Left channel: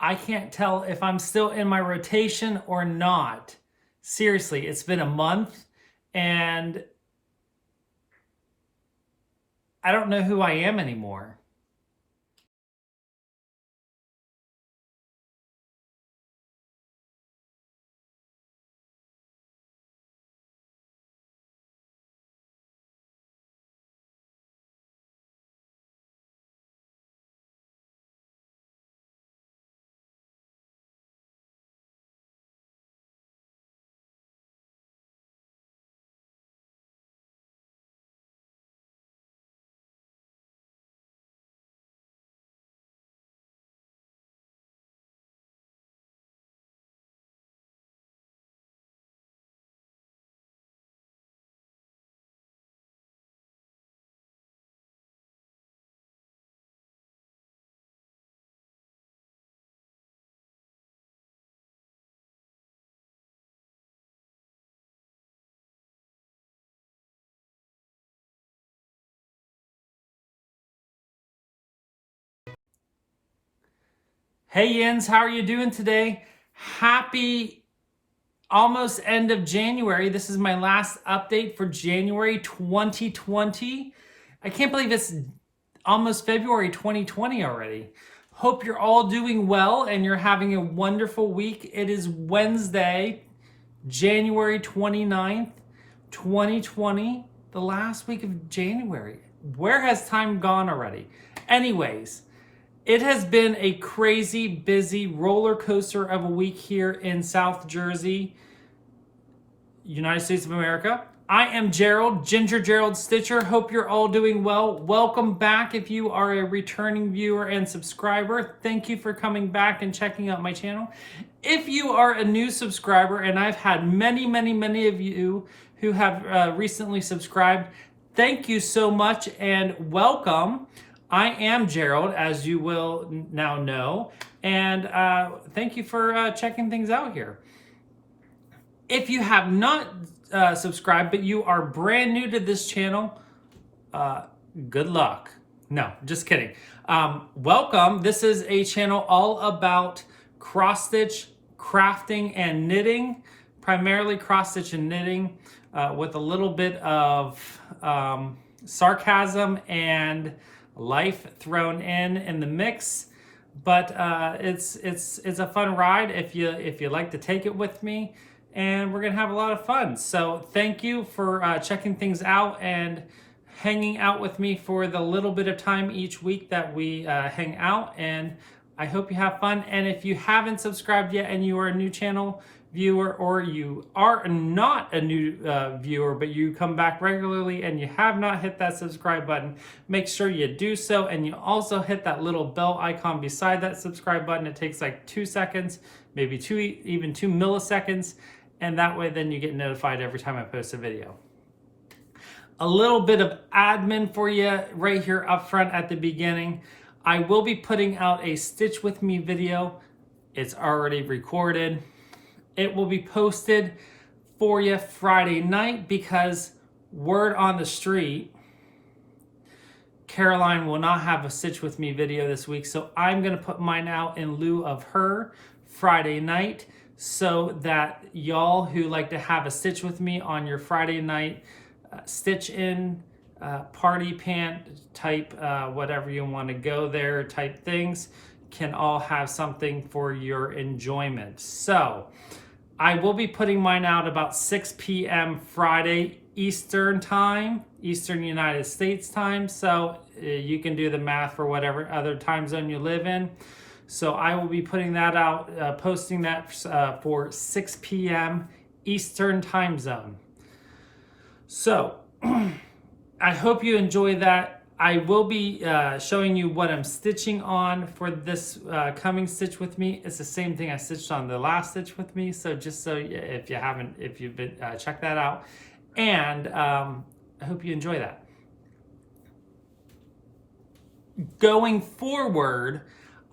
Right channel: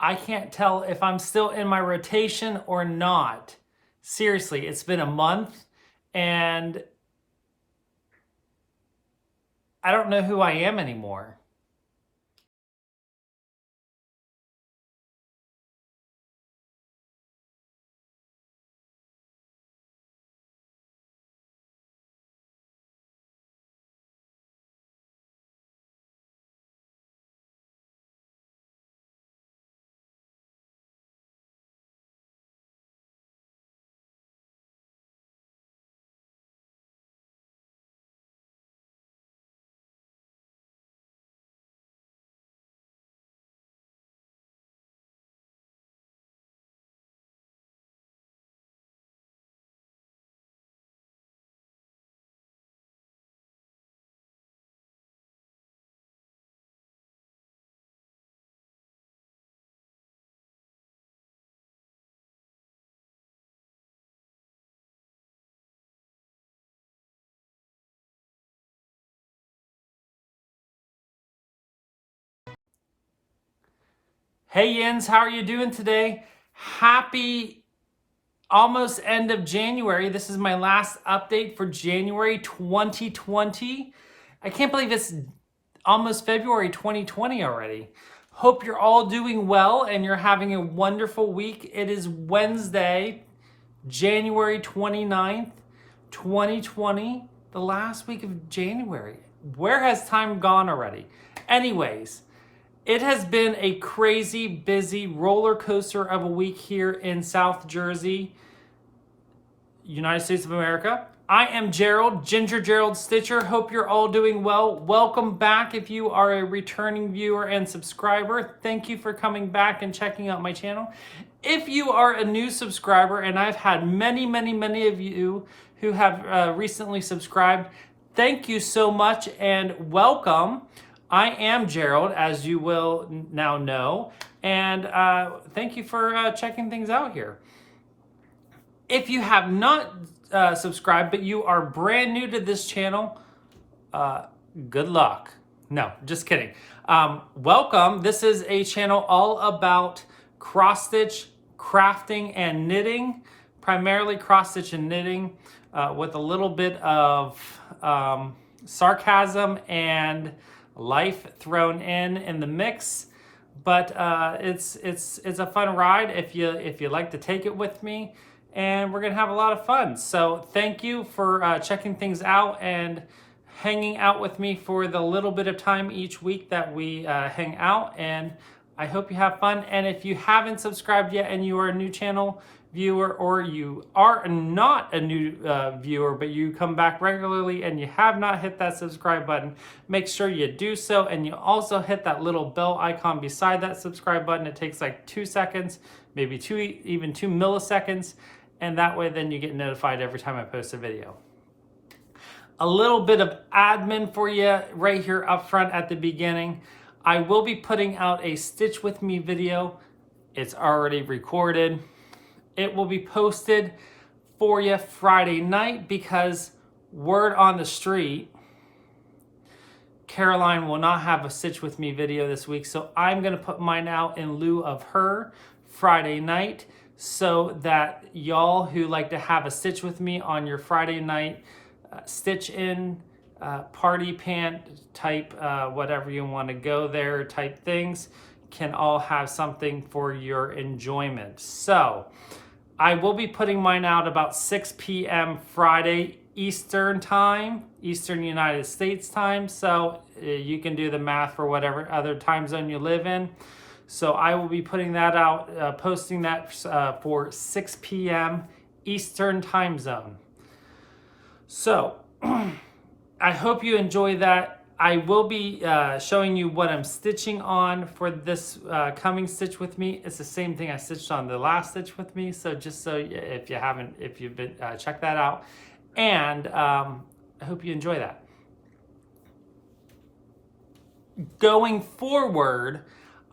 I can't tell if I'm still in my rotation or not. Seriously, it's been a month and I don't know who I am anymore. Hey Yins, how are you doing today? Happy almost end of January. This is my last update for January 2020. I can't believe it's almost February 2020 already. Hope you're all doing well and you're having a wonderful week. It is Wednesday, January 29th, 2020, the last week of January. Where has time gone already? Anyways, it has been a crazy, busy roller coaster of a week here in South Jersey, United States of America. I am Gerald, Ginger Gerald Stitcher. Hope you're all doing well. Welcome back if you are a returning viewer and subscriber. Thank you for coming back and checking out my channel. If you are a new subscriber, and I've had many of you who have recently subscribed, thank you so much and welcome. I am Gerald, as you will now know, and thank you for checking things out here. If you have not subscribed, but you are brand new to this channel, good luck. No, just kidding. Welcome. This is a channel all about cross-stitch, crafting, and knitting, primarily cross-stitch and knitting, with a little bit of sarcasm and life thrown in the mix, but it's a fun ride if you like to take it with me, and we're gonna have a lot of fun. So thank you for checking things out and hanging out with me for the little bit of time each week that we hang out, and I hope you have fun. And if you haven't subscribed yet and you are a new channel viewer, or you are not a new viewer but you come back regularly and you have not hit that subscribe button, make sure you do so, and you also hit that little bell icon beside that subscribe button. It takes like 2 seconds, maybe even 2 milliseconds, and that way then you get notified every time I post a video. A little bit of admin for you right here up front at the beginning. I will be putting out a Stitch With Me video. It's already recorded. It will be posted for you Friday night because word on the street, Caroline will not have a Stitch With Me video this week, so I'm going to put mine out in lieu of her Friday night, so that y'all who like to have a Stitch With Me on your Friday night stitch in, party pant type, whatever you want to go there type things, can all have something for your enjoyment. So I will be putting mine out about 6 p.m. Friday Eastern time, Eastern United States time. So you can do the math for whatever other time zone you live in. So I will be putting that out, posting that for 6 p.m. Eastern time zone. So I hope you enjoy that. I will be showing you what I'm stitching on for this coming Stitch With Me. It's the same thing I stitched on the last Stitch With Me. So just so if you've been check that out, and I hope you enjoy that. Going forward,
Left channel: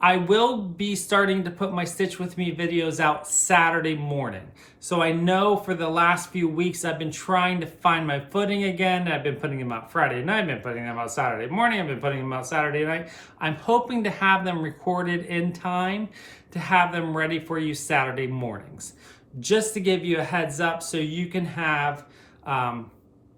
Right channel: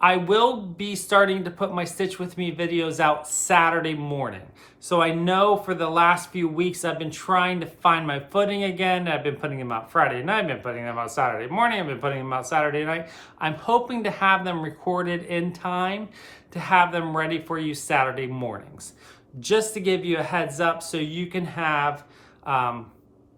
I will be starting to put my Stitch With Me videos out Saturday morning. So I know for the last few weeks I've been trying to find my footing again. I've been putting them out Friday night, I've been putting them out Saturday morning, I've been putting them out Saturday night. I'm hoping to have them recorded in time to have them ready for you Saturday mornings. Just to give you a heads up so you can have,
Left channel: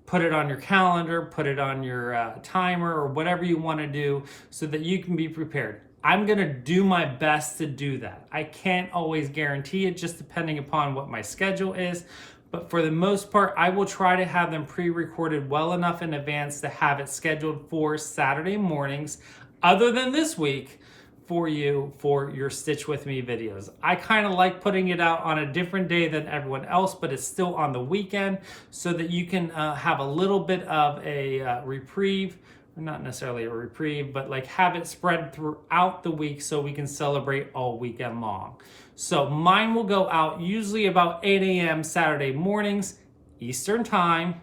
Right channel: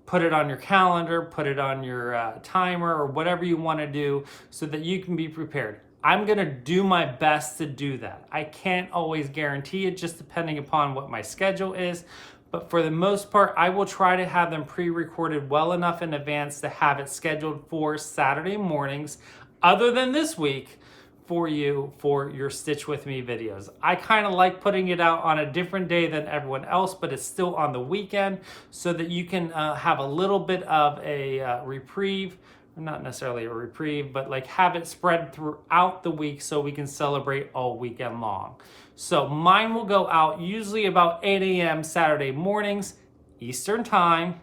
put it on your calendar, put it on your timer or whatever you want to do so that you can be prepared. I'm going to do my best to do that. I can't always guarantee it, just depending upon what my schedule is. But for the most part, I will try to have them pre-recorded well enough in advance to have it scheduled for Saturday mornings, other than this week, for you for your Stitch With Me videos. I kind of like putting it out on a different day than everyone else, but it's still on the weekend so that you can have a little bit of a reprieve. Not necessarily a reprieve, but like have it spread throughout the week so we can celebrate all weekend long. So mine will go out usually about 8 a.m. Saturday mornings, Eastern time.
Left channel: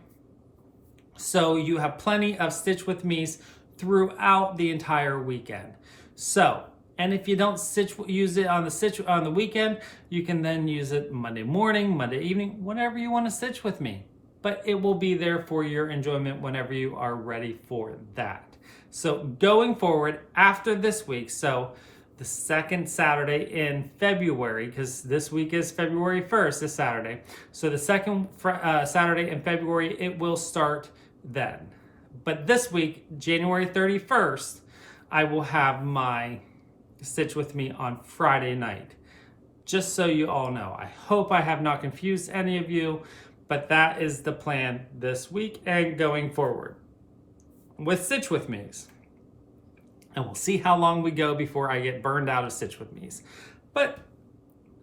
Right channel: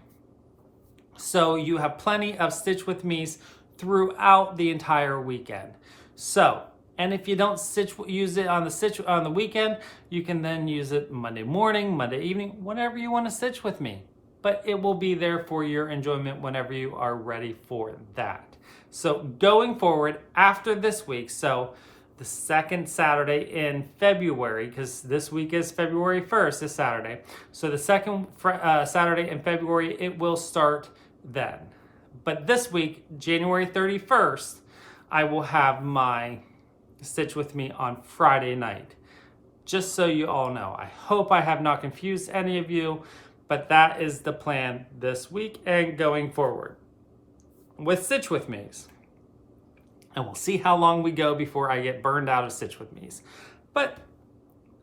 So you have plenty of Stitch With Me's throughout the entire weekend. So, and if you don't use it on the weekend, you can then use it Monday morning, Monday evening, whenever you want to Stitch With Me. But it will be there for your enjoyment whenever you are ready for that. So going forward after this week, so the second Saturday in February, because this week is February 1st, this Saturday. So the second Saturday in February, it will start then. But this week, January 31st, I will have my Stitch With Me on Friday night. Just so you all know. I hope I have not confused any of you. But that is the plan this week and going forward with Stitch With Me's. And we'll see how long we go before I get burned out of Stitch With Me's. But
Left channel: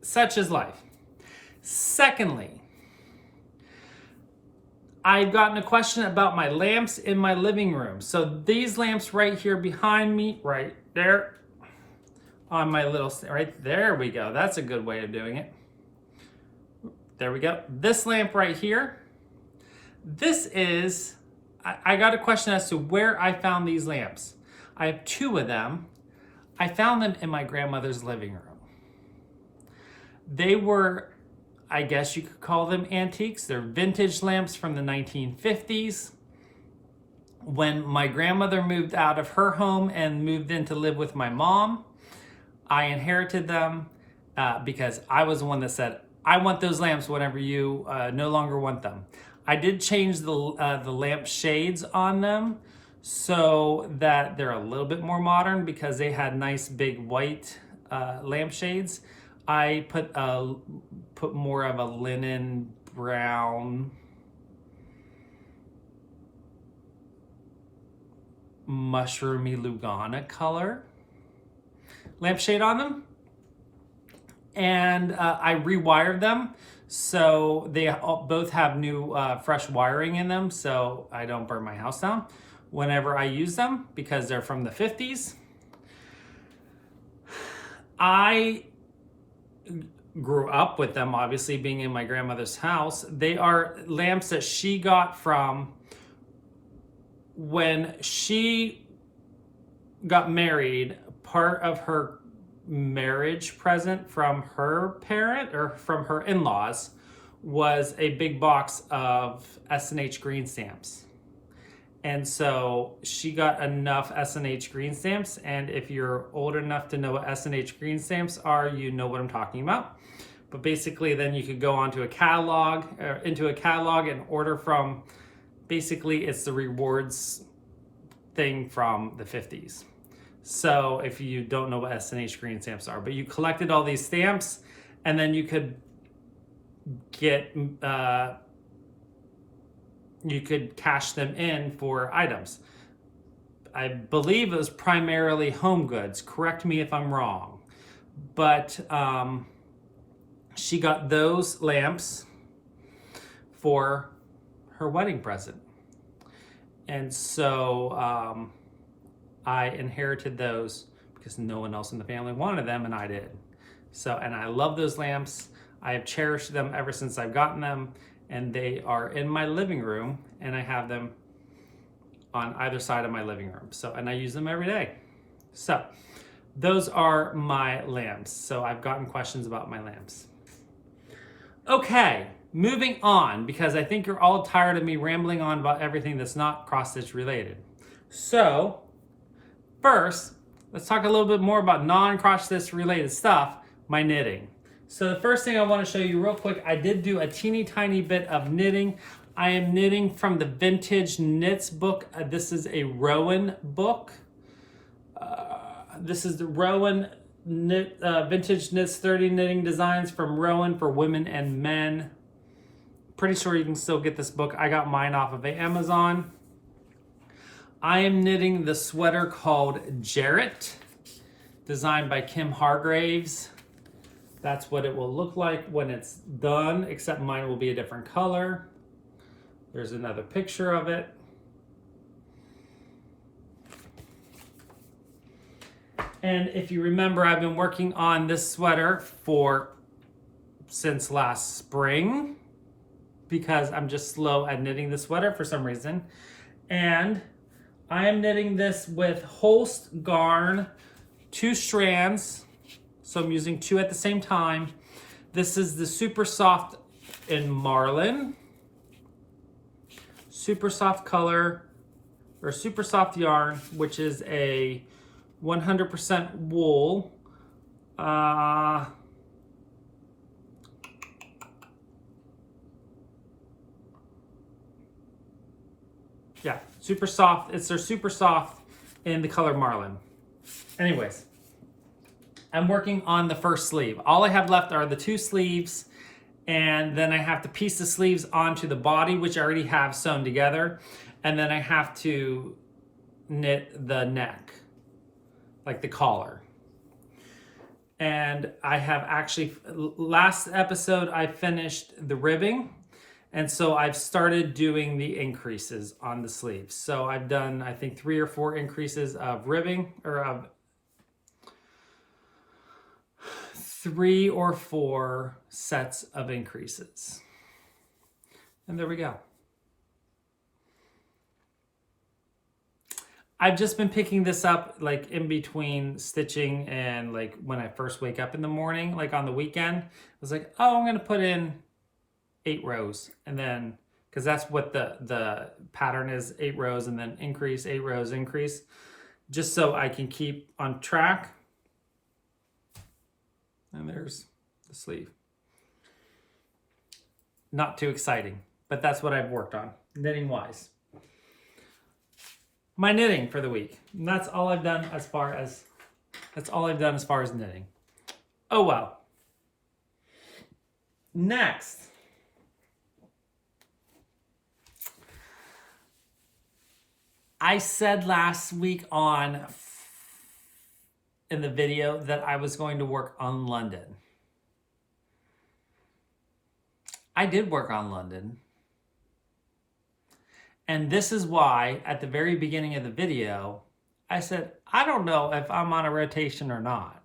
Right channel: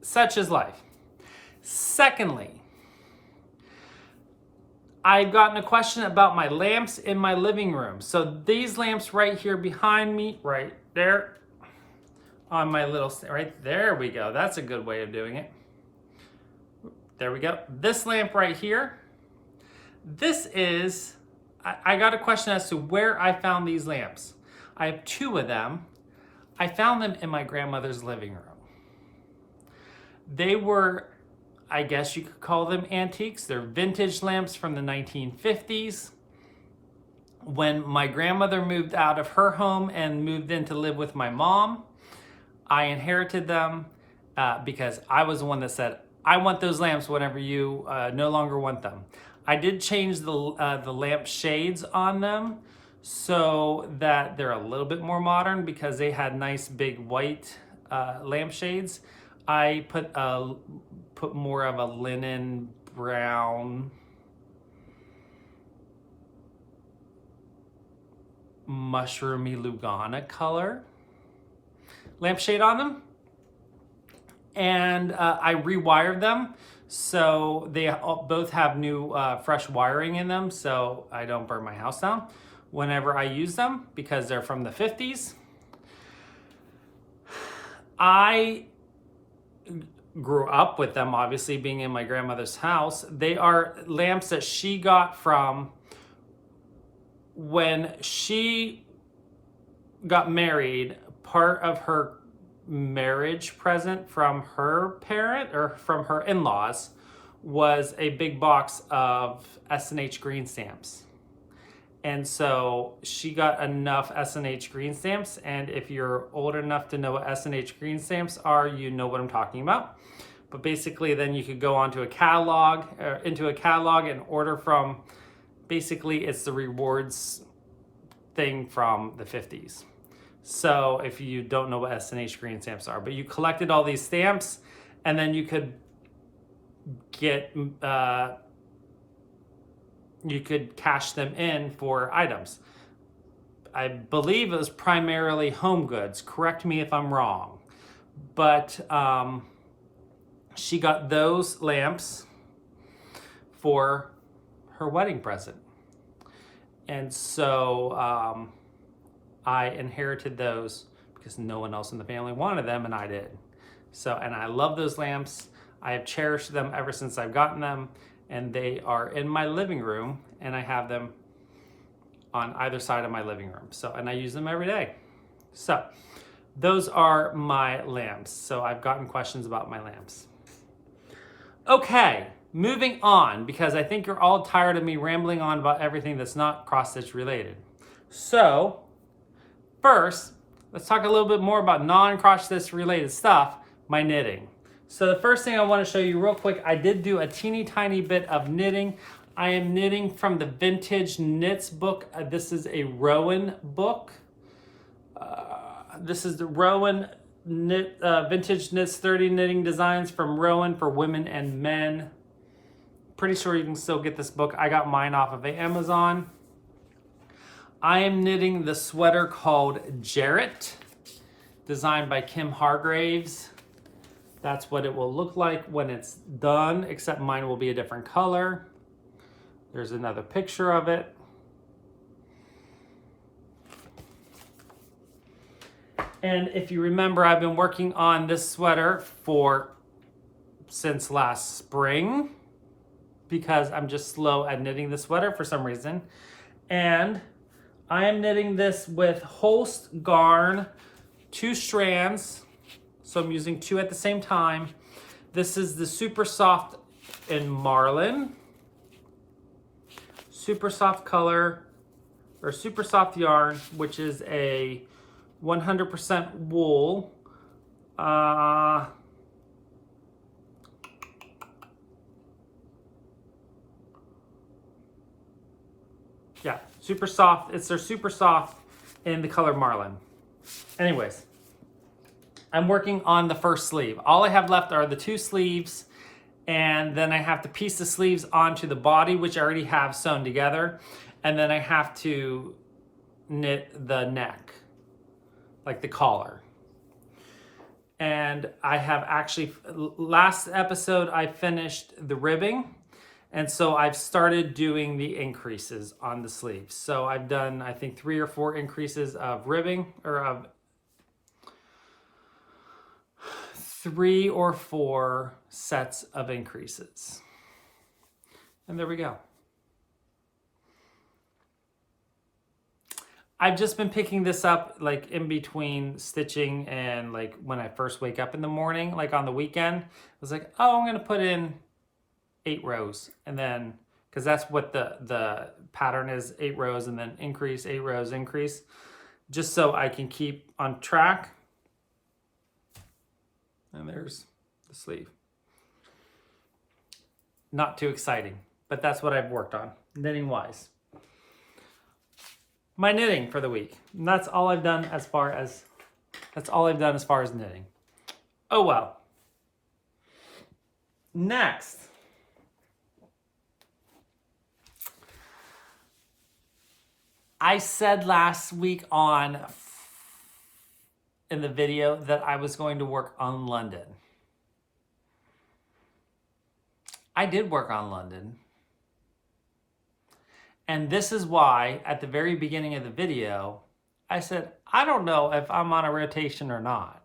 such is life. Secondly, I've gotten a question about my lamps in my living room. So these lamps right here behind me, right there on my little, right there we go. That's a good way of doing it. There we go. This lamp right here, this is, I got a question as to where I found these lamps. I have two of them. I found them in my grandmother's living room. They were, I guess you could call them antiques. They're vintage lamps from the 1950s. When my grandmother moved out of her home and moved in to live with my mom, I inherited them because I was the one that said, I want those lamps whenever you no longer want them. I did change the lamp shades on them so that they're a little bit more modern because they had nice big white lamp shades. I put more of a linen brown mushroomy Lugana color lampshade on them. And I rewired them so they both have new fresh wiring in them so I don't burn my house down whenever I use them because they're from the 50s. I grew up with them, obviously being in my grandmother's house. They are lamps that she got from when she got married. Part of her marriage present from her parent or from her in-laws was a big box of S&H green stamps. And so she got enough S&H green stamps, and if you're old enough to know what S&H green stamps are, you know what I'm talking about. But basically then you could go onto a catalog, into a catalog and order from, basically it's the rewards thing from the 50s. So if you don't know what S&H green stamps are, but you collected all these stamps and then you could get, you could cash them in for items. I believe it was primarily home goods. Correct me if I'm wrong. But she got those lamps for her wedding present. And so I inherited those because no one else in the family wanted them and I did. So, and I love those lamps. I have cherished them ever since I've gotten them, and they are in my living room and I have them on either side of my living room. So, and I use them every day. So those are my lamps. So I've gotten questions about my lamps. Okay, moving on, because I think you're all tired of me rambling on about everything that's not cross-stitch related. So first, let's talk a little bit more about non-cross-stitch related stuff, my knitting. So the first thing I want to show you real quick, I did do a teeny tiny bit of knitting. I am knitting from the Vintage Knits book. This is a Rowan book. This is the Rowan Vintage Knits 30 Knitting Designs from Rowan for women and men. Pretty sure you can still get this book. I got mine off of Amazon. I am knitting the sweater called Gerald, designed by Kim Hargraves. That's what it will look like when it's done, except mine will be a different color. There's another picture of it. And if you remember, I've been working on this sweater since last spring, because I'm just slow at knitting the sweater for some reason. And I am knitting this with Holst Garn, 2 strands. So I'm using 2 at the same time. This is the Super Soft in Marlin. Super Soft color, or Super Soft yarn, which is a 100% wool. Yeah, super soft. It's their Super Soft in the color Marlin. Anyways, I'm working on the first sleeve. All I have left are the 2 sleeves, and then I have to piece the sleeves onto the body, which I already have sewn together, and then I have to knit the neck, like the collar. And I have actually, last episode I finished the ribbing, and so I've started doing the increases on the sleeves. So I've done, I think, 3 or 4 increases of ribbing, or of 3 or 4 sets of increases. And there we go. I've just been picking this up like in between stitching and like when I first wake up in the morning, like on the weekend. I was like, oh, I'm gonna put in 8 rows, and then, because that's what the pattern is, 8 rows and then increase, 8 rows, increase, just so I can keep on track. And there's the sleeve. Not too exciting, but that's what I've worked on, knitting wise. My knitting for the week. And that's all I've done as far as knitting. Oh well. Next. I said last week in the video that I was going to work on London. I did work on London. And this is why, at the very beginning of the video, I said, I don't know if I'm on a rotation or not.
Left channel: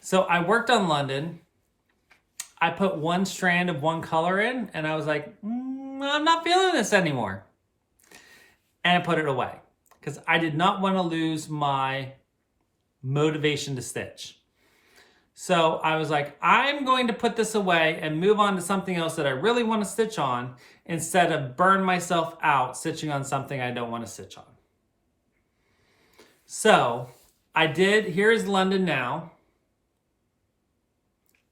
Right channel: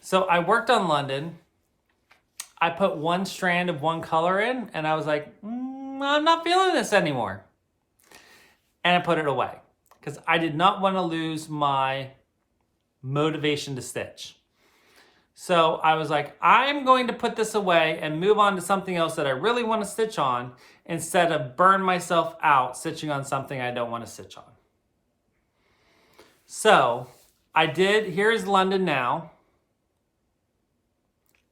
So I worked on London. I put 1 strand of 1 color in, and I was like, I'm not feeling this anymore. And I put it away, because I did not want to lose my motivation to stitch. So I was like, I'm going to put this away and move on to something else that I really want to stitch on, instead of burn myself out stitching on something I don't want to stitch on. So I did, here's London now.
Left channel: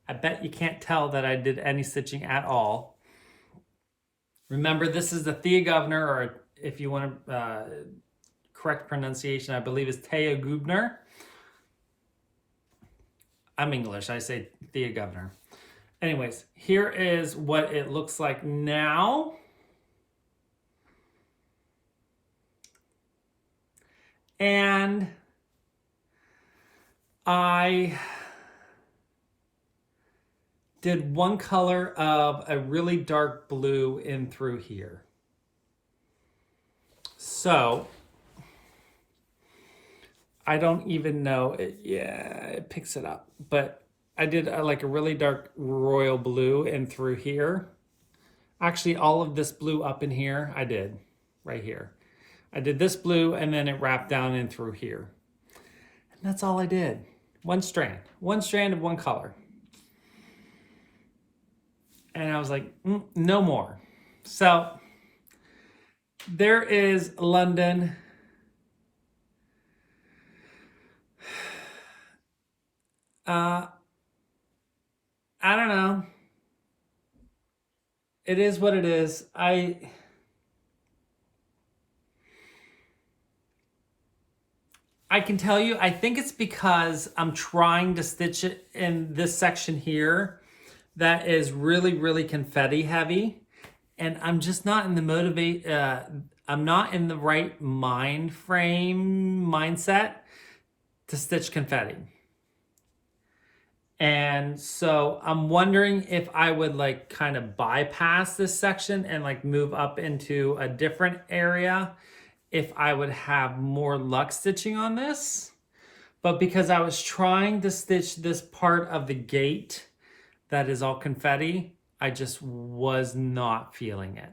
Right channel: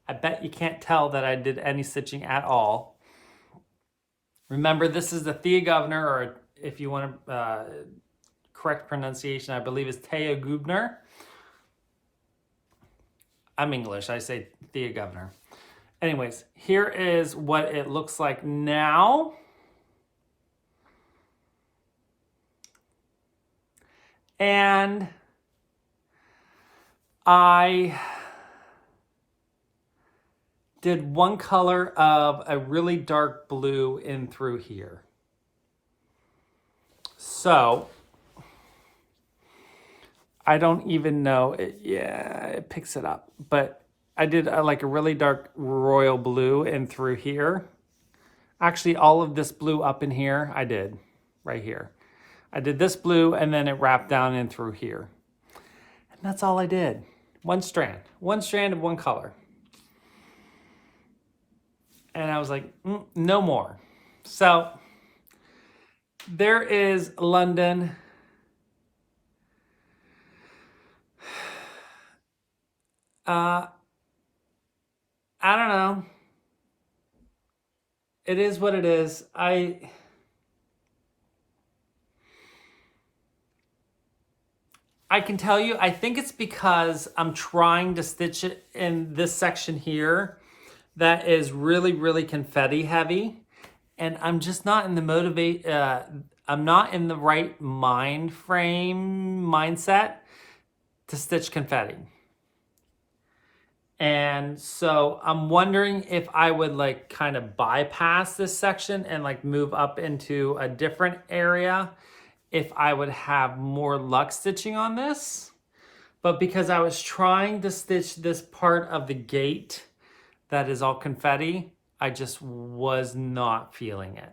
I bet you can't tell that I did any stitching at all. Remember, this is the Thea Governor, or if you want correct pronunciation, I believe is Thea Gubner. I'm English, I say Thea Governor. Anyways, here is what it looks like now. And I did 1 color of a really dark blue in through here. So I don't even know it. Yeah, it picks it up, but I did like a really dark royal blue in through here. Actually, all of this blue up in here, I did right here. I did this blue and then it wrapped down in through here. And that's all I did. One strand of one color. And I was like, no more. So there is London. I don't know. It is what it is. I can tell you, I think it's because I'm trying to stitch it in this section here that is really, really confetti heavy. And I'm just not in the I'm not in the right mindset to stitch confetti. And so I'm wondering if I would like kind of bypass this section and like move up into a different area if I would have more luck stitching on this. But because I was trying to stitch this part of the gate that is all confetti, I just was not feeling it.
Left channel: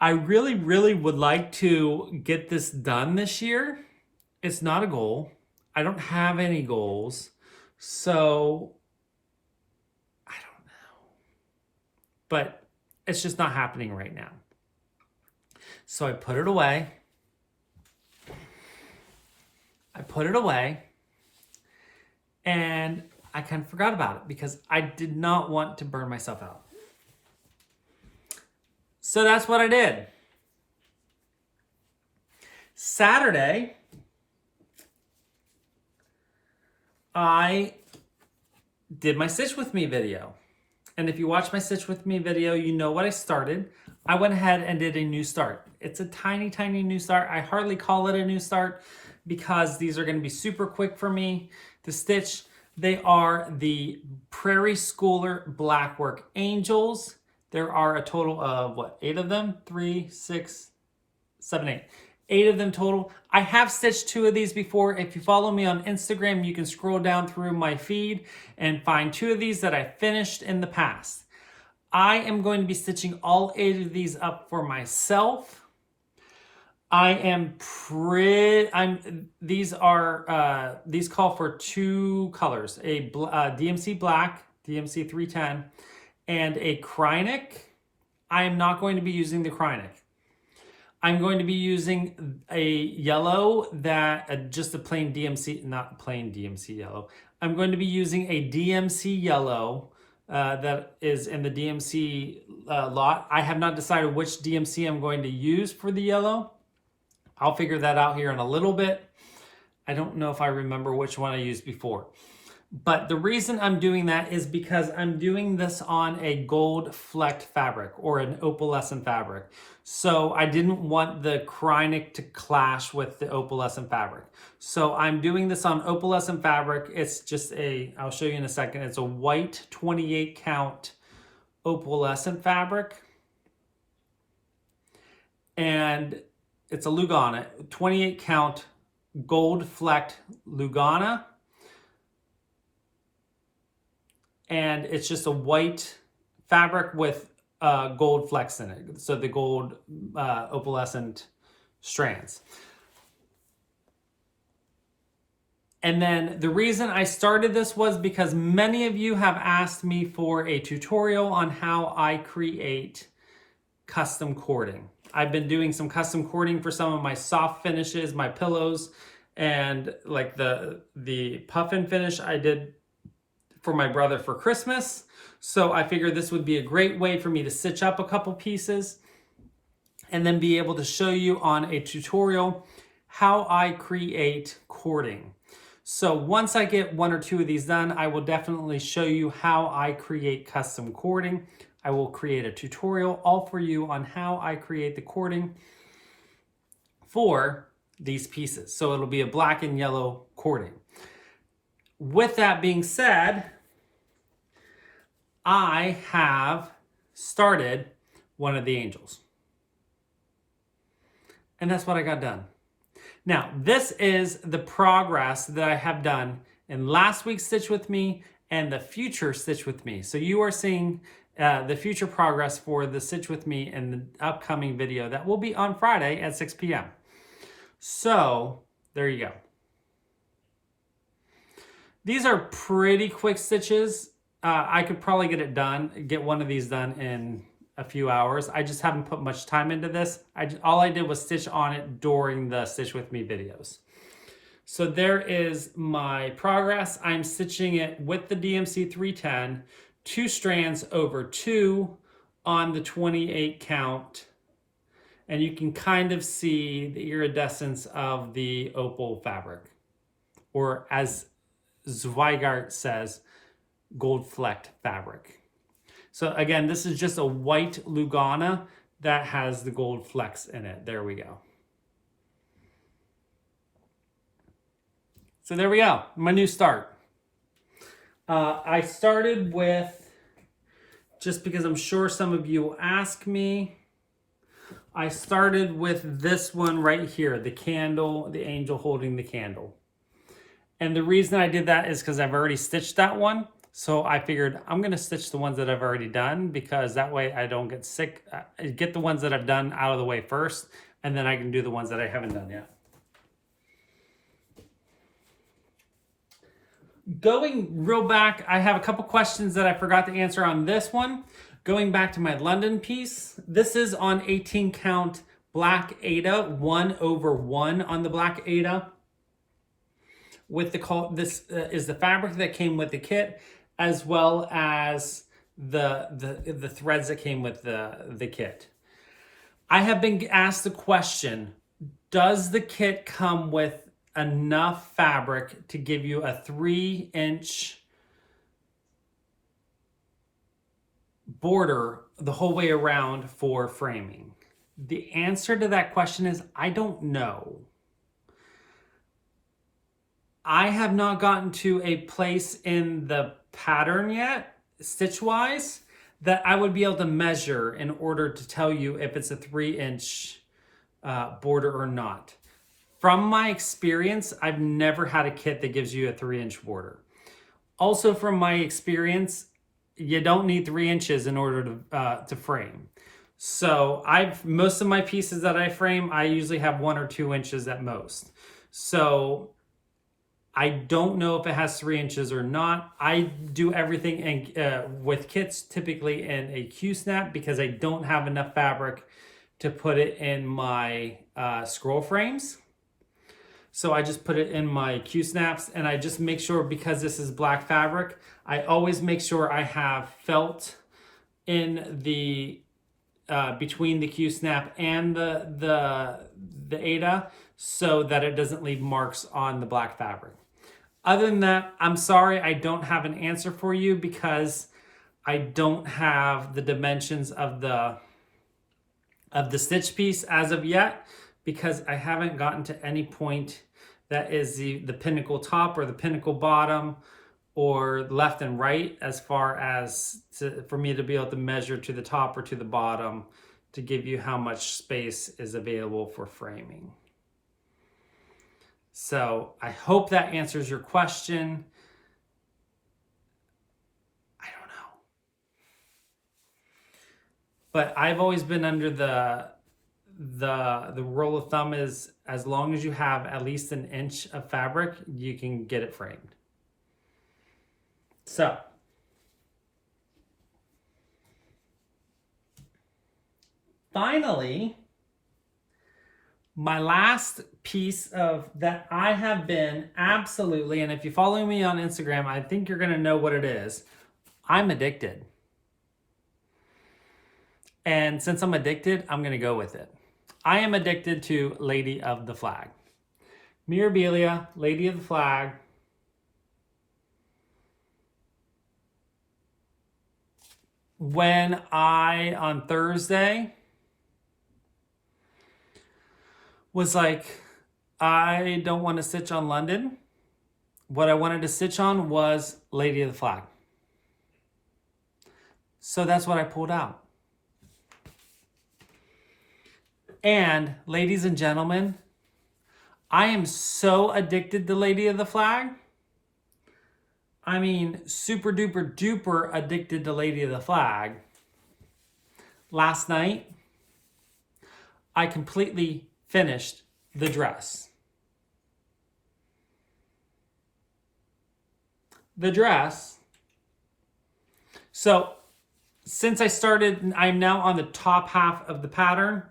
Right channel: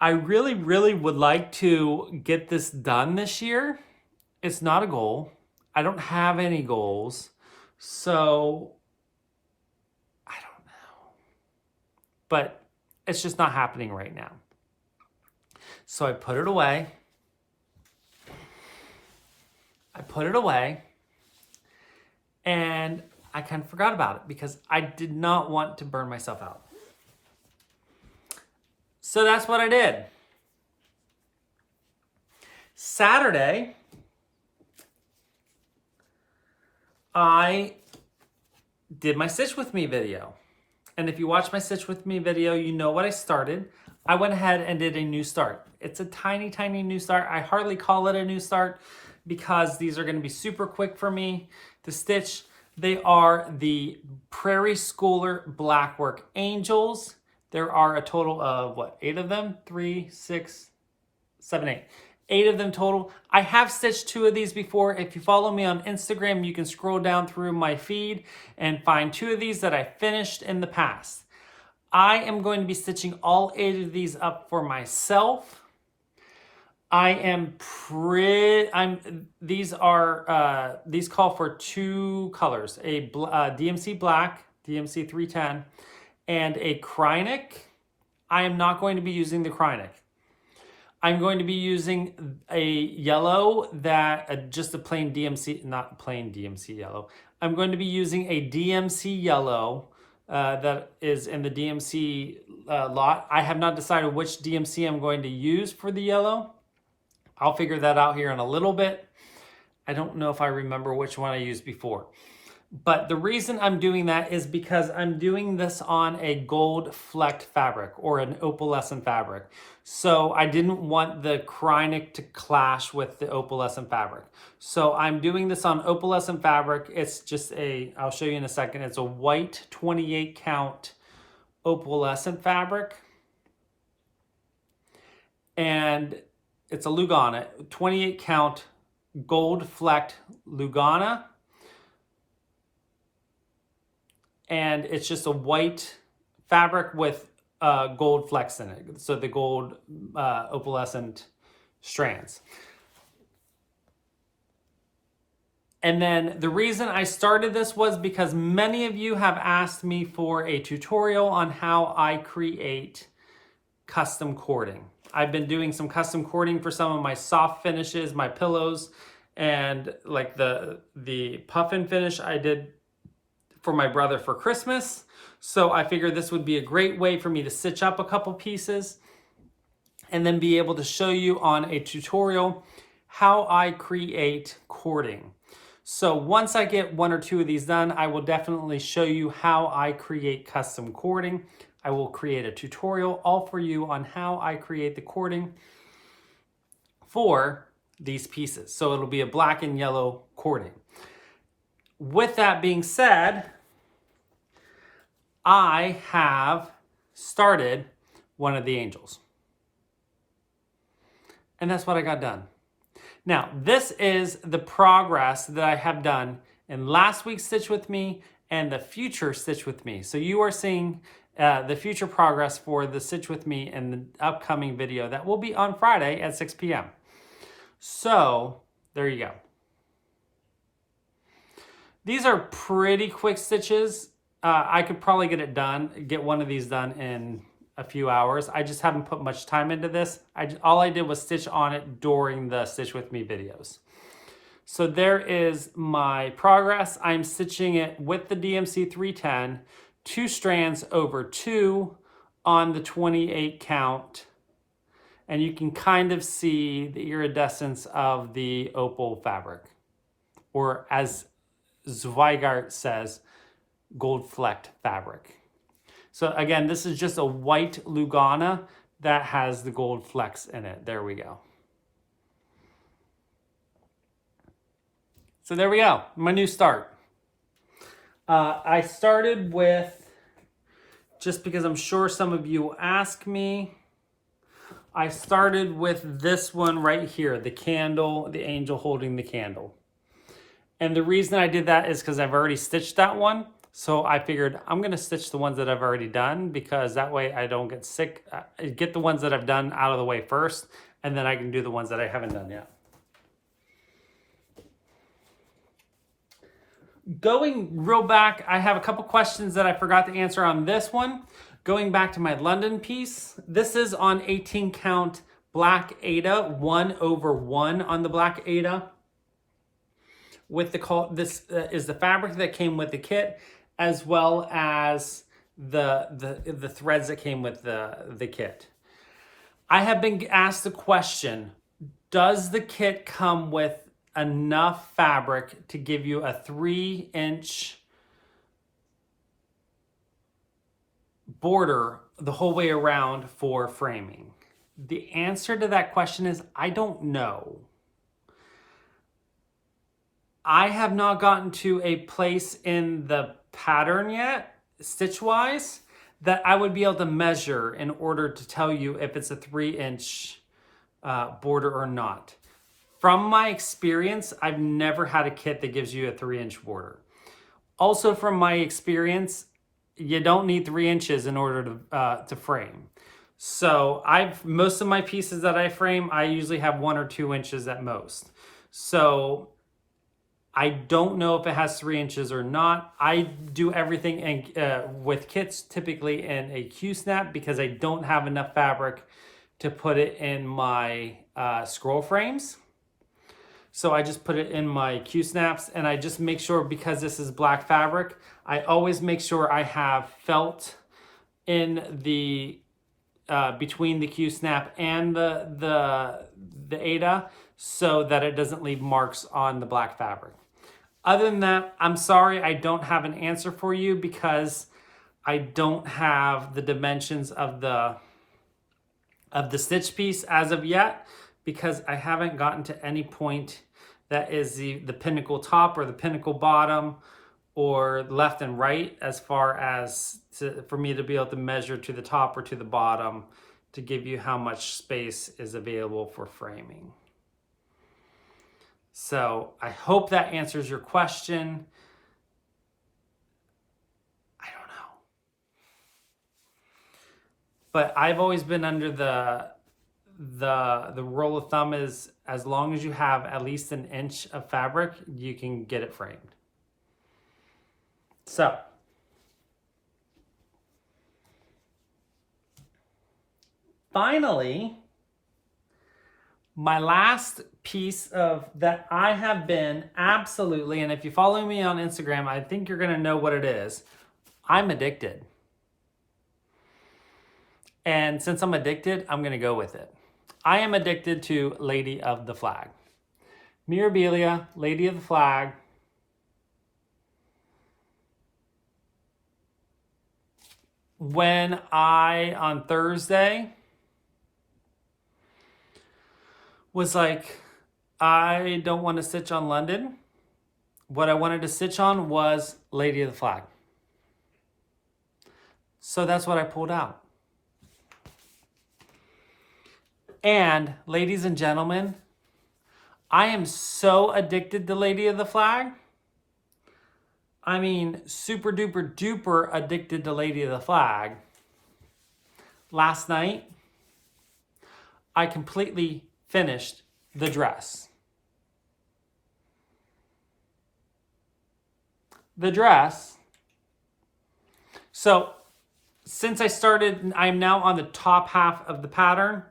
I really, really would like to get this done this year. It's not a goal. I don't have any goals. So I don't know. But it's just not happening right now. So I put it away. And I kind of forgot about it because I did not want to burn myself out. So that's what I did. Saturday, I did my Stitch With Me video. And if you watch my Stitch With Me video, you know what I started. I went ahead and did a new start. It's a tiny, tiny new start. I hardly call it a new start because these are going to be super quick for me to stitch. They are the Prairie Schooler Blackwork Angels. There are a total of, 8 of them? 3, 6, 7, 8. 8 of them total. I have stitched 2 of these before. If you follow me on Instagram, you can scroll down through my feed and find 2 of these that I finished in the past. I am going to be stitching all 8 of these up for myself. These call for 2 colors, a DMC Black, DMC 310, and a Krynic. I am not going to be using the Krynic. I'm going to be using a yellow that, just a plain DMC, not plain DMC yellow. I'm going to be using a DMC yellow that is in the DMC lot. I have not decided which DMC I'm going to use for the yellow. I'll figure that out here in a little bit. I don't know if I remember which one I used before. But the reason I'm doing that is because I'm doing this on a gold flecked fabric or an opalescent fabric. So I didn't want the Krynic to clash with the opalescent fabric. So I'm doing this on opalescent fabric. It's just I'll show you in a second. It's a white 28 count opalescent fabric. And it's a Lugana, 28 count gold flecked Lugana. And it's just a white fabric with gold flecks in it. So the gold opalescent strands. And then the reason I started this was because many of you have asked me for a tutorial on how I create custom cording. I've been doing some custom cording for some of my soft finishes, my pillows, and like the puffin finish I did for my brother for Christmas. So I figured this would be a great way for me to stitch up a couple pieces and then be able to show you on a tutorial how I create cording. So once I get 1 or 2 of these done, I will definitely show you how I create custom cording. I will create a tutorial all for you on how I create the cording for these pieces. So it'll be a black and yellow cording. With that being said, I have started one of the angels. And that's what I got done. Now, this is the progress that I have done in last week's Stitch With Me and the future Stitch With Me. So you are seeing the future progress for the Stitch With Me in the upcoming video that will be on Friday at 6 p.m. So there you go. These are pretty quick stitches. I could probably get one of these done in a few hours. I just haven't put much time into this. All I did was stitch on it during the Stitch With Me videos. So there is my progress. I'm stitching it with the DMC 310, 2 strands over 2 on the 28 count. And you can kind of see the iridescence of the opal fabric, or as Zweigart says, gold flecked fabric. So again, this is just a white Lugana that has the gold flecks in it. There we go. So there we go, my new start. I started with, just because I'm sure some of you will ask me, I started with this one right here, the candle, the angel holding the candle. And the reason I did that is because I've already stitched that one. So I figured I'm going to stitch the ones that I've already done, because that way I don't get sick. Get the ones that I've done out of the way first, and then I can do the ones that I haven't done yet. Going real back, I have a couple questions that I forgot to answer on this one. Going back to my London piece, this is on 18 count black Aida, 1/1 on the black Aida. With this is the fabric that came with the kit, as well as the threads that came with the kit. I have been asked the question, does the kit come with enough fabric to give you a 3-inch border the whole way around for framing? The answer to that question is, I don't know. I have not gotten to a place in the pattern yet, stitch-wise, that I would be able to measure in order to tell you if it's a 3-inch border or not. From my experience, I've never had a kit that gives you a 3-inch border. Also, from my experience, you don't need 3 inches in order to frame. So most of my pieces that I frame, I usually have 1 or 2 inches at most. So I don't know if it has 3 inches or not. I do everything with kits typically in a Q-snap, because I don't have enough fabric to put it in my scroll frames. So I just put it in my Q-snaps, and I just make sure, because this is black fabric, I always make sure I have felt in the between the Q-snap and the Aida, so that it doesn't leave marks on the black fabric. Other than that, I'm sorry I don't have an answer for you, because I don't have the dimensions of the stitch piece as of yet, because I haven't gotten to any point that is the pinnacle top or the pinnacle bottom or left and right, as far as for me to be able to measure to the top or to the bottom to give you how much space is available for framing. So I hope that answers your question. I don't know. But I've always been under the rule of thumb is, as long as you have at least 1 inch of fabric, you can get it framed. So finally, my last piece of that I have been absolutely, and if you follow me on Instagram, I think you're going to know what it is. I'm addicted. And since I'm addicted, I'm going to go with it. I am addicted to Lady of the Flag. Mirabilia, Lady of the Flag. When on Thursday, was like, I don't want to stitch on London. What I wanted to stitch on was Lady of the Flag. So that's what I pulled out. And ladies and gentlemen, I am so addicted to Lady of the Flag. I mean, super duper duper addicted to Lady of the Flag. last night, I completely finished the dress. The dress, so since I started, I'm now on the top half of the pattern.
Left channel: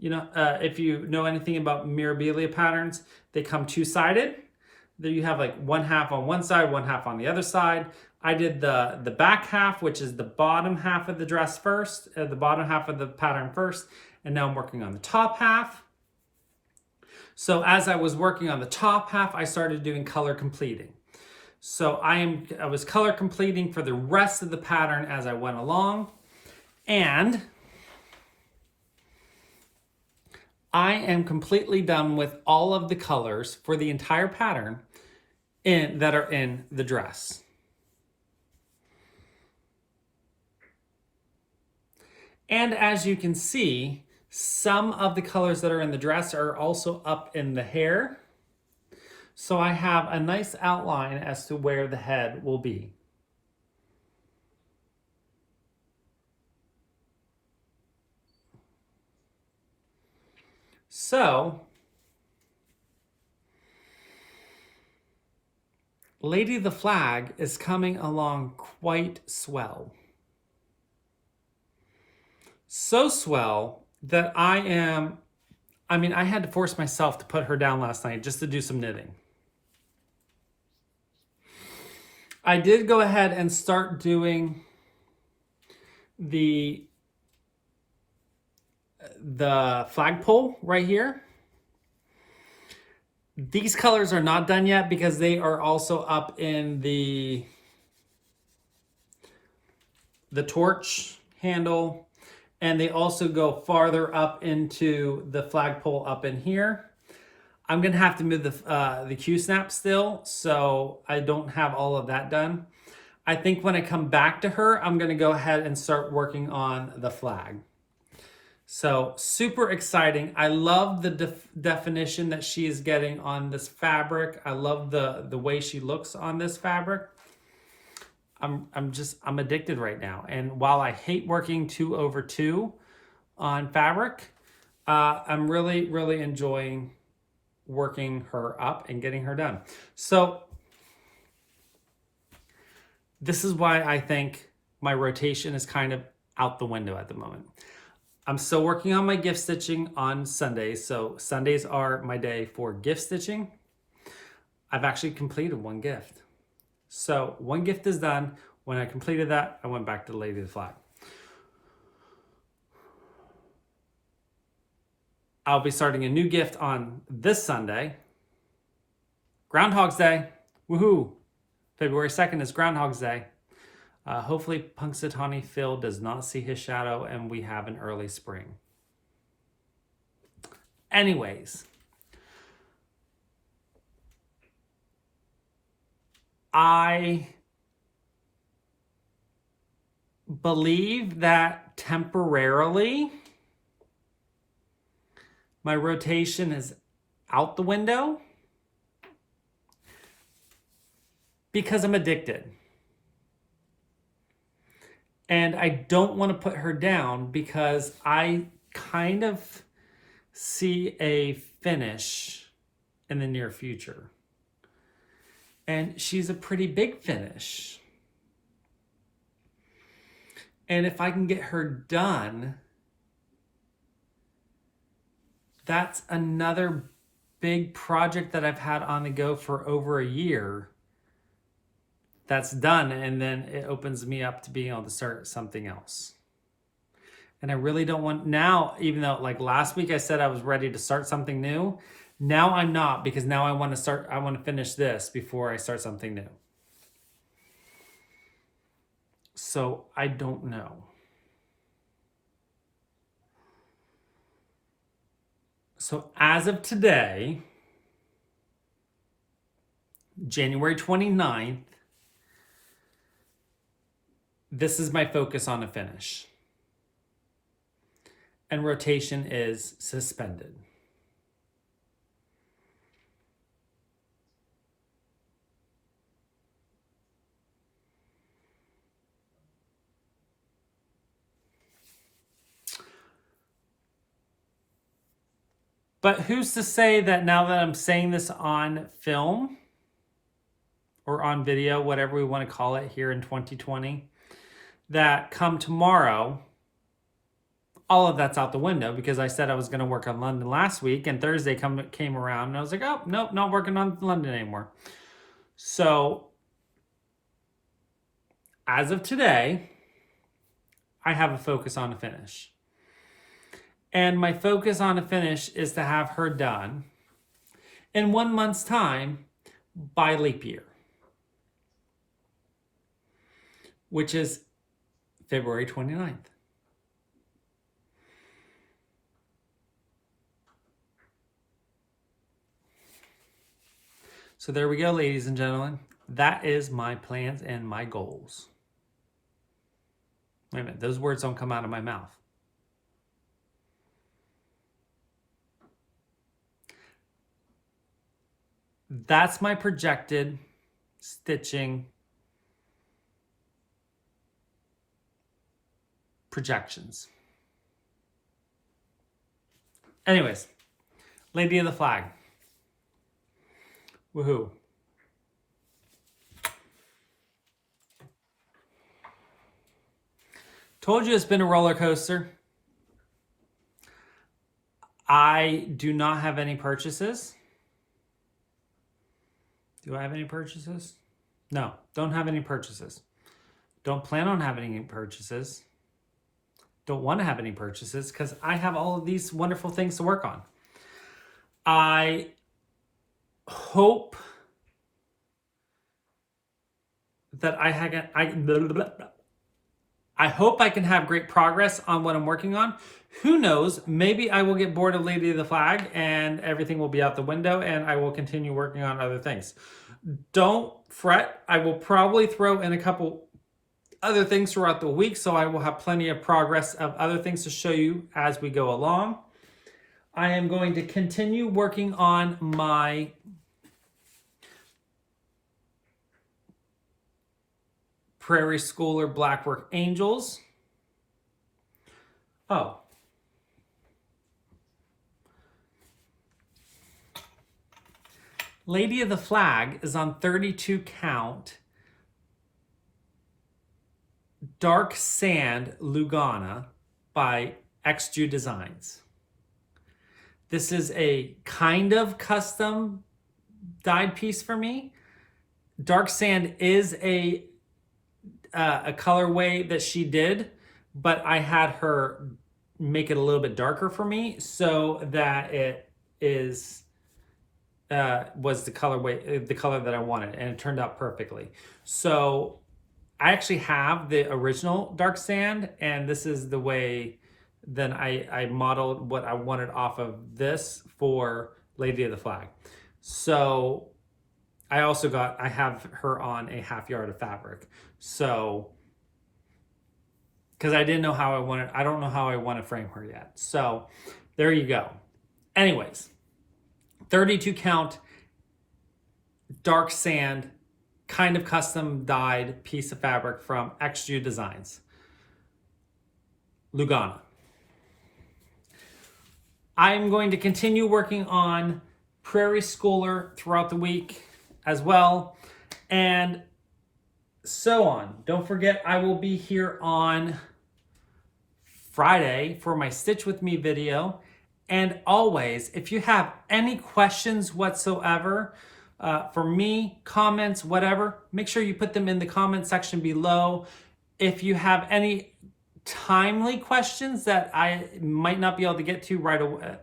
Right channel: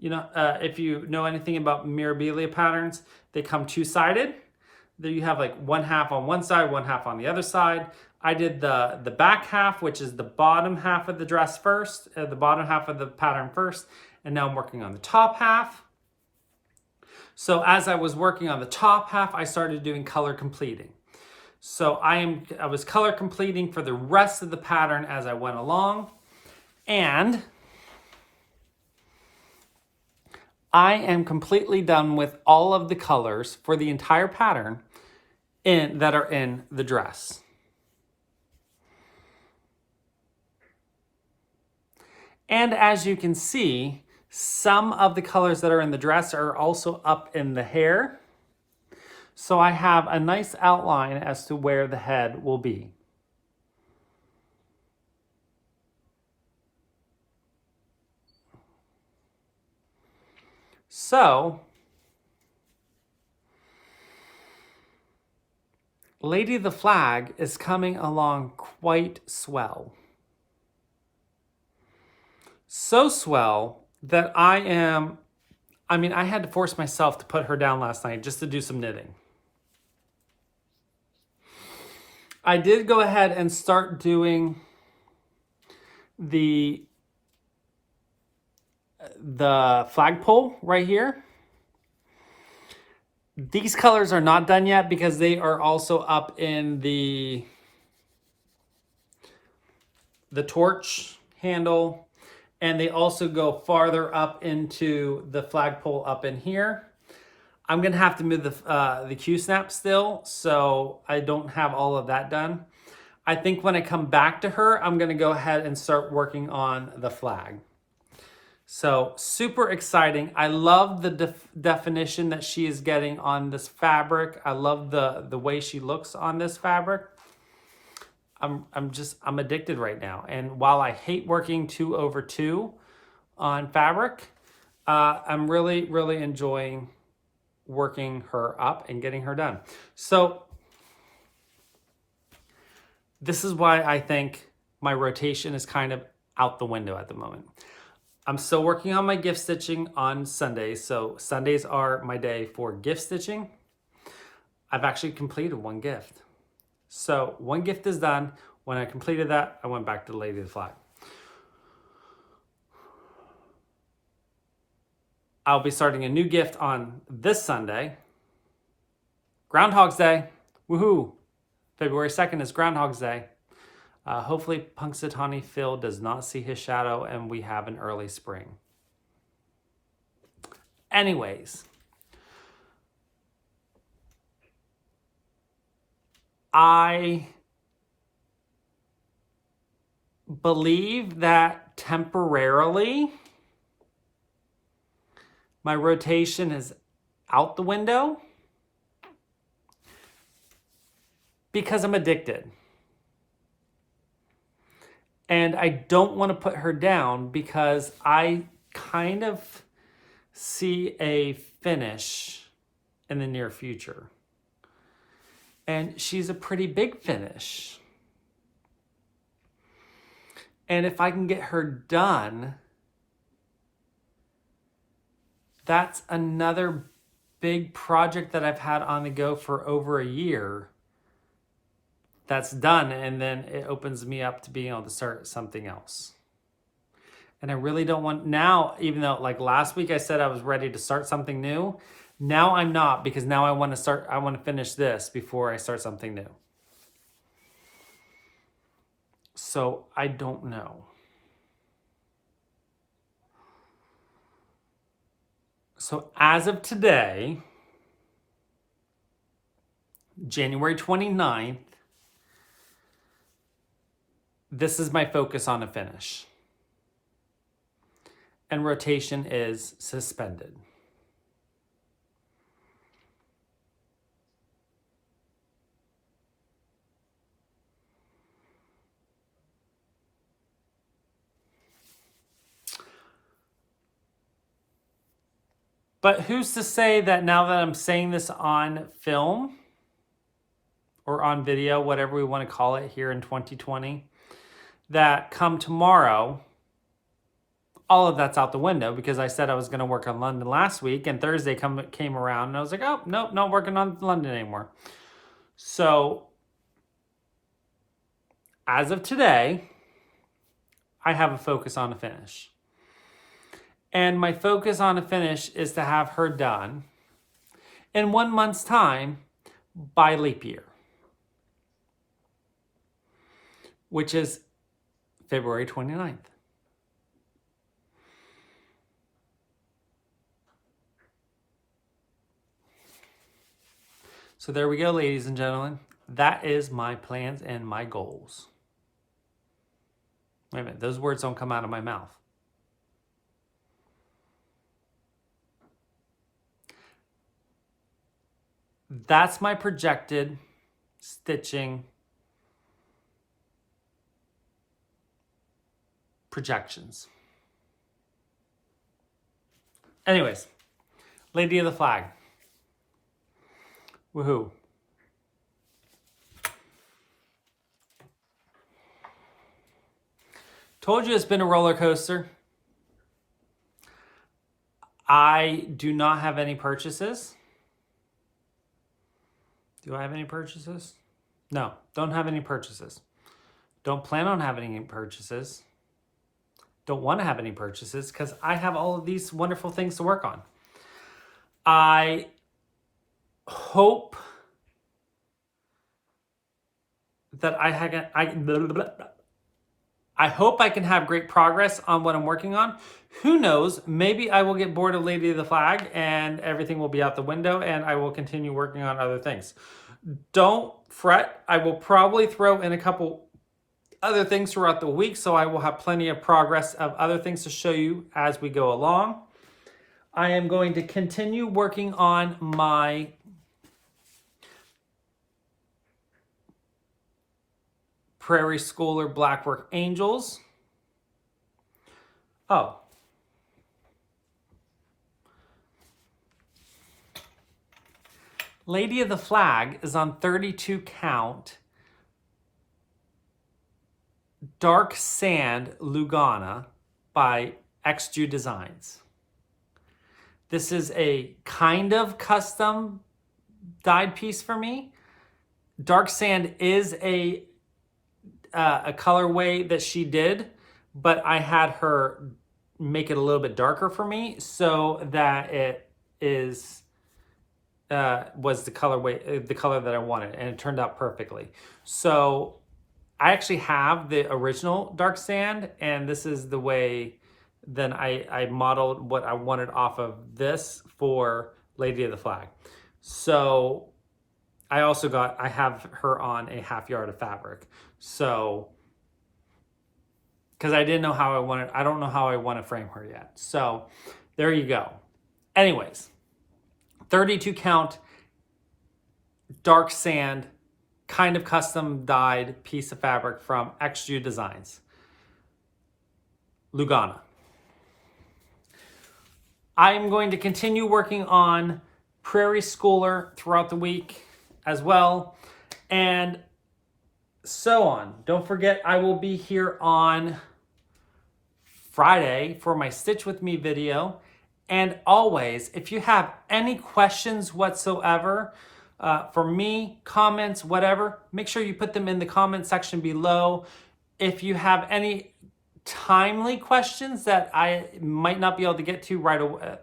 You know, if you know anything about Mirabilia patterns, they come two-sided. There you have like one half on one side, one half on the other side. I did the back half, which is the bottom half of the dress first, the bottom half of the pattern first, and now I'm working on the top half. So as I was working on the top half, I started doing color completing. So I was color completing for the rest of the pattern as I went along, and I am completely done with all of the colors for the entire pattern that are in the dress. And as you can see, some of the colors that are in the dress are also up in the hair. So I have a nice outline as to where the head will be. So, Lady of the Flag is coming along quite swell. So swell that I had to force myself to put her down last night just to do some knitting. I did go ahead and start doing the flagpole right here. These colors are not done yet because they are also up in the torch handle, and they also go farther up into the flagpole up in here. I'm gonna have to move the Q-snap still, so I don't have all of that done. I think when I come back to her, I'm gonna go ahead and start working on the flag. So super exciting. I love the definition that she is getting on this fabric. I love the way she looks on this fabric. I'm addicted right now. And while I hate working 2/2 on fabric, I'm really, really enjoying working her up and getting her done. So this is why I think my rotation is kind of out the window at the moment. I'm still working on my gift stitching on Sundays. So Sundays are my day for gift stitching. I've actually completed one gift. So one gift is done. When I completed that, I went back to Lady of the Flag. I'll be starting a new gift on this Sunday. Groundhog's Day. Woohoo! February 2nd is Groundhog's Day. Hopefully Punxsutawney Phil does not see his shadow and we have an early spring. Anyways, I believe that temporarily my rotation is out the window because I'm addicted. And I don't want to put her down because I kind of see a finish in the near future. And she's a pretty big finish. And if I can get her done, that's another big project that I've had on the go for over a year that's done, and then it opens me up to being able to start something else. And I really don't want now, even though like last week I said I was ready to start something new, now I'm not, because now I want to finish this before I start something new. So I don't know. So as of today, January 29th, this is my focus on a finish. And rotation is suspended. But who's to say that now that I'm saying this on film or on video, whatever we want to call it here in 2020, that come tomorrow, all of that's out the window, because I said I was going to work on London last week, and Thursday came around and I was like, oh, nope, not working on London anymore. So as of today, I have a focus on a finish. And my focus on a finish is to have her done in 1 month's time by leap year, which is February 29th. So there we go, ladies and gentlemen. That is my plans and my goals. Wait a minute, those words don't come out of my mouth. That's my projected stitching projections. Anyways, Lady of the Flag. Woohoo. Told you it's been a roller coaster. I do not have any purchases. Do I have any purchases? No, don't have any purchases. Don't plan on having any purchases. Don't want to have any purchases because I have all of these wonderful things to work on. I hope that I hope I can have great progress on what I'm working on. Who knows? Maybe I will get bored of Lady of the Flag and everything will be out the window and I will continue working on other things. Don't fret. I will probably throw in a couple other things throughout the week, so I will have plenty of progress of other things to show you as we go along. I am going to continue working on my Prairie Schooler Blackwork Angels. Oh. Lady of the Flag is on 32 count Dark Sand Lugana by XG Designs. This is a kind of custom dyed piece for me. Dark Sand is a colorway that she did, but I had her make it a little bit darker for me so that it is was the color that I wanted, and it turned out perfectly. So I actually have the original Dark Sand, and this is the way then I modeled what I wanted off of this for Lady of the Flag. So I have her on a half yard of fabric. So, because I don't know how I want to frame her yet. So there you go. Anyways, 32 count Dark Sand, kind of custom dyed piece of fabric from XG Designs. Lugana. I'm going to continue working on Prairie Schooler throughout the week as well, and so on. Don't forget, I will be here on Friday for my Stitch With Me video. And always, if you have any questions whatsoever, for me, comments, whatever, make sure you put them in the comment section below. If you have any timely questions that I might not be able to get to right away,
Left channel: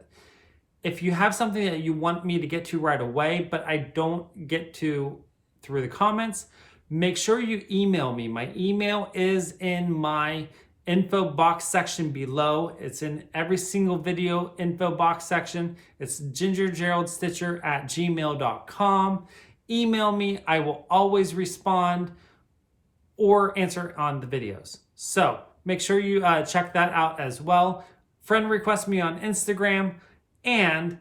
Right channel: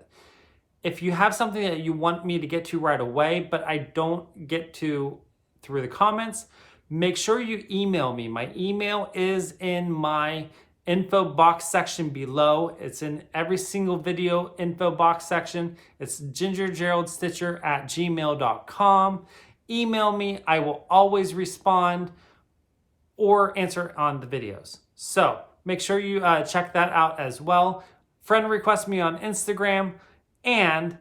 if you have something that you want me to get to right away, but I don't get to through the comments, make sure you email me. My email is in my info box section below. It's in every single video info box section. It's gingergeraldstitcher@gmail.com. Email me. I will always respond or answer on the videos. So make sure you check that out as well. Friend request me on Instagram and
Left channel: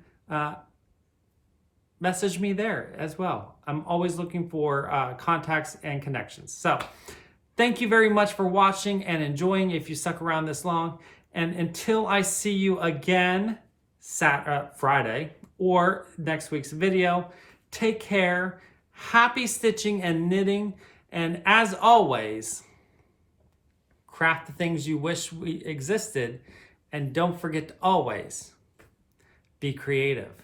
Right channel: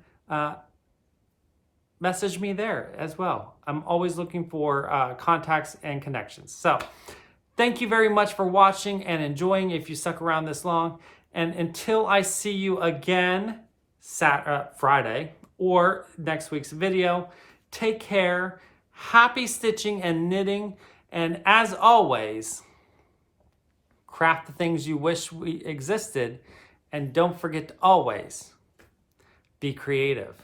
message me there as well. I'm always looking for contacts and connections. So thank you very much for watching and enjoying if you stuck around this long. And until I see you again, Friday or next week's video. Take care. Happy stitching and knitting. And as always, craft the things you wish we existed. And don't forget to always be creative.